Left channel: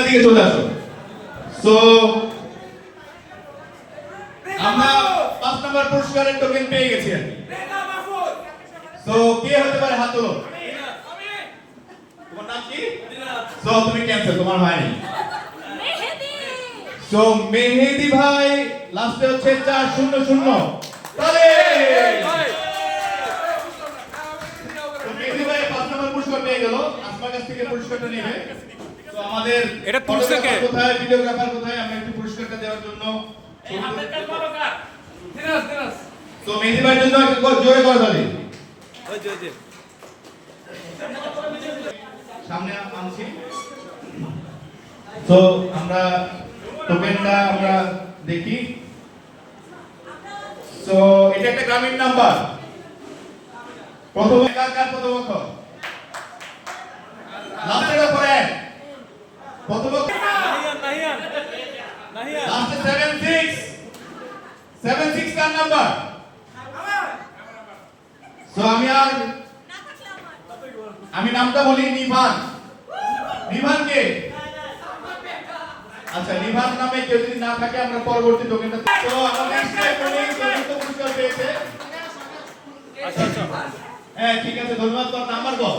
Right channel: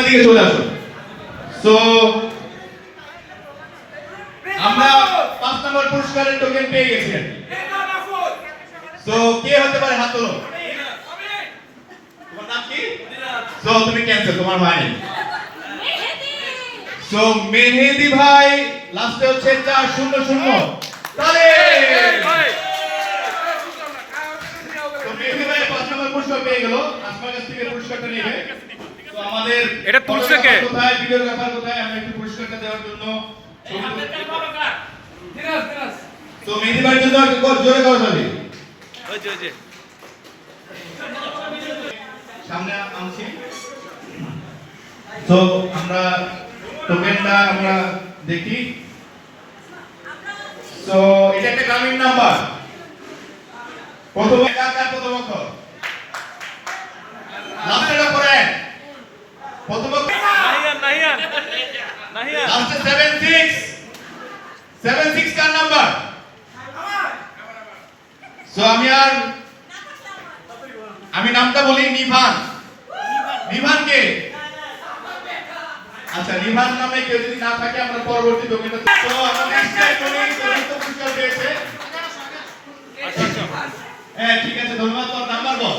তোমরা দিকে চলে আসো সো আমরা পাঁচ নম্বর পুরস্কারের টোকেন পেয়ে গেছি সো কে হতে পারে হাত তোলো? তোমার নাম কি? সো তুমি ক্যান্সেল তোমার ভাই। সো মেহেদি ভাই লাস্টে হচ্ছে চার শূন্য শূন্য। তাহলে মেহেদি ভাই পাঁচ নম্বর পুরস্কার পেয়ে গেল। আসমার কাছ থেকে পুরস্কারটা নেবে। আমাদের এটা তুলছে কে? কোথায় ভিডিওগ্রাফার কোথায় আমরা একটু পুরস্কারটা দেওয়ার জন্য তো মেহেদি ভাইয়ের জন্য একটু জোরে করো তাহলে। ওই যে ওই যে। সামনে আনছি। তো আমরা টোকেনটা আমরা দেখি। তো এটা একটা গ্রামীণ নাম্বার। প্রথম প্রথম অক্ষর? লাস্টের অক্ষর এক প্রথম নাহিয়ান নাহিয়ান নাহিয়ান। লাস্টে সেভেন সিক্স সেভেন সিক্স কার নাম্বার সো আমি আর আমি নামটা বলি নিভান। নিভান কে? আচ্ছা নিভান নামে কেউ যদি না থাকে আমরা পরবর্তী টোকেনটা তো আমাদের স্টেট উনি চতুর্থ পুরস্কার পেয়েছে। হ্যাঁ ঠিক আছে ধন্যবাদ তোর নাম্বার বল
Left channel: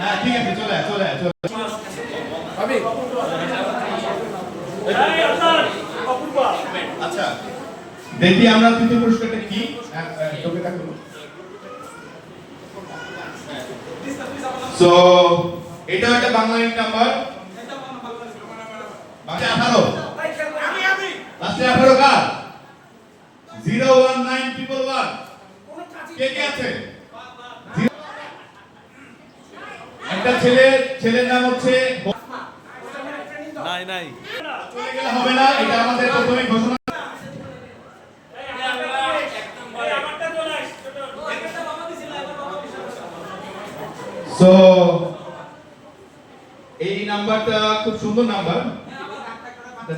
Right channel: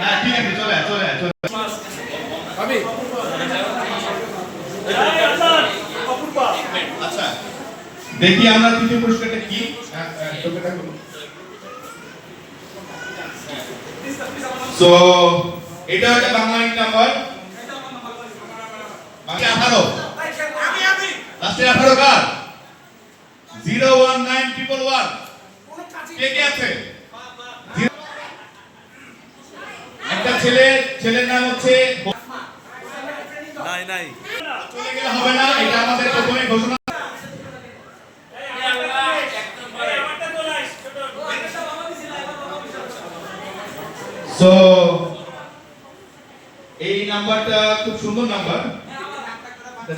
হ্যাঁ দেখি আমরা তৃতীয় পুরস্কারটা কি এটা বাংলা নাম্বার। বাকি আঠারো। লাস্টে আঠারো কার? Zero one nine triple one কে কে আছে? একটা ছেলে ছেলের নাম হচ্ছে নাই নাই। চলে গেলে হবে না এটা আমাদের প্রথমে ঘোষণা। সো এই নাম্বারটা খুব সুন্দর নাম্বার।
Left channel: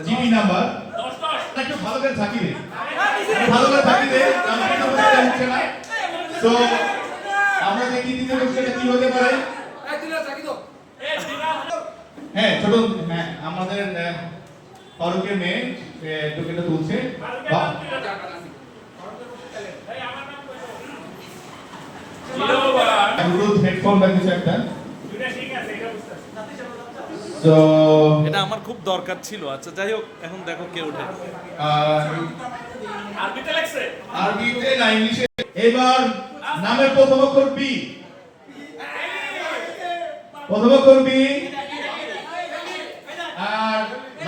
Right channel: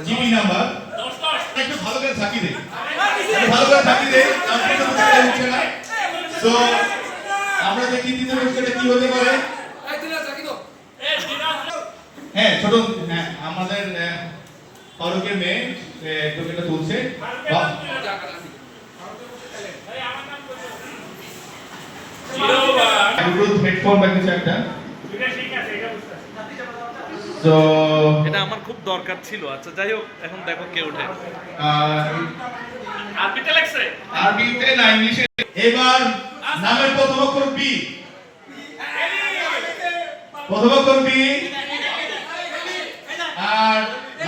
GB number. একটু ভালো করে থাকি দে। ভালো করে থাকি দে সো আমরা দেখি তৃতীয় কি হতে পারে? হ্যাঁ ছোট হ্যাঁ আমাদের ফারুকের মেয়ে টোকেনটা তুলছে ব্লুটুথ হেডফোন বা কিছু একটা তো এটা আমার খুব দরকার ছিল আচ্ছা যাই হোক এখন দেখো কে ওঠে আরবিতে না ইংলিশে এবার নামের প্রথম অক্ষর বি প্রথম অক্ষর বি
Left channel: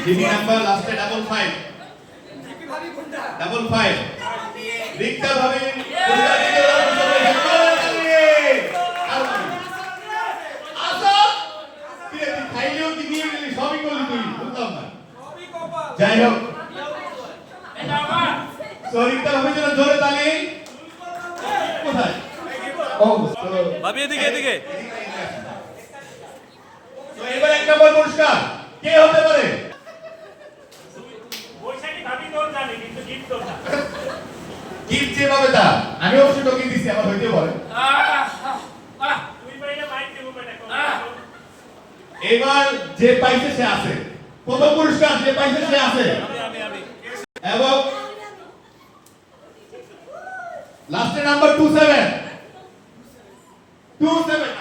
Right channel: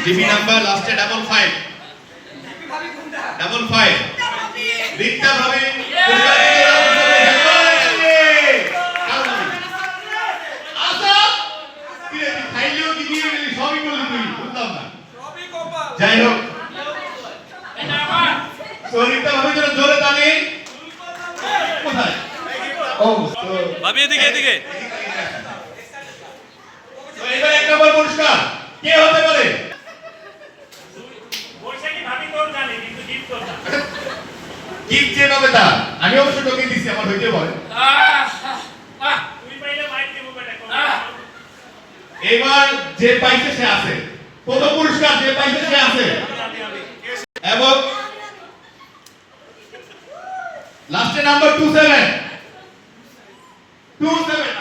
জিবি নাম্বার লাস্টে double five double five Rikta ভাবি পুরস্কার দিতে যাচ্ছে। কার ভাবি? আচ্ছা, কি রে, তুই খাইলেও কি দিয়ে গেলি? সবই করলি তুই, বুঝলাম না। যাই হোক সরিতা ভাবে যেন জোরে তালি কোথায় ও ভাবি এদিকে এদিকে তো এবার এক নম্বর পুরস্কার কে হতে পারে? গিফট যে পাবে তা। আমি অবশ্য টোকেন দিচ্ছি আমার হইতে পারে। এবার যে পাইছে সে আছে। প্রথম পুরস্কার যে পাইছে সে আছে। এবং লাস্টে number two seven two seven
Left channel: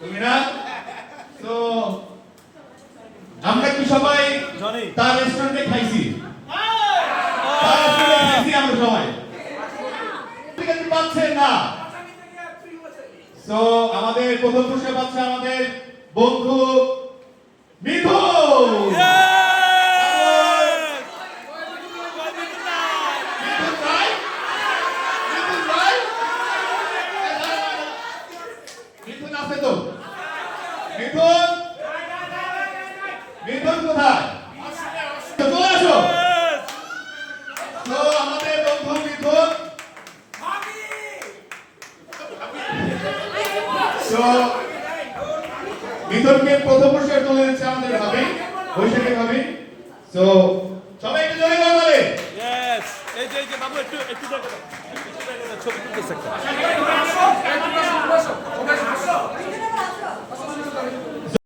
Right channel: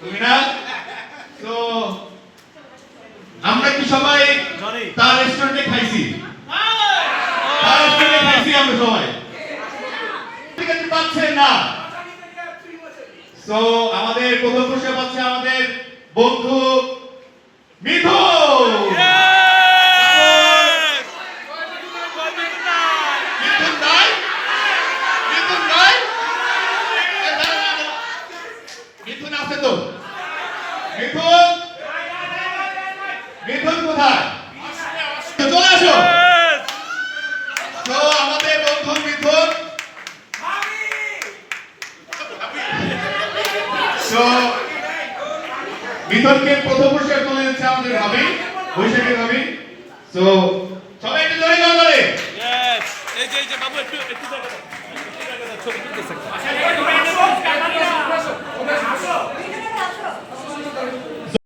তুমি না তো আমরা কি সবাই জনি তার রেস্টুরেন্টে খাইছি তার রেস্টুরেন্টে খাইছি আমরা সবাই ঠিক আছে পাচ্ছেন না। সো আমাদের প্রথম পুরস্কার পাচ্ছে আমাদের বন্ধু দাঁড়া। মিথুন আছে তো? মিথুন মিথুন কোথায় তো চলে আসো তো আমাদের বন্ধু মিথুন তো মিথুনকে প্রথম পুরস্কার তুলে আমাদের হবে বৈশাখী হবে তো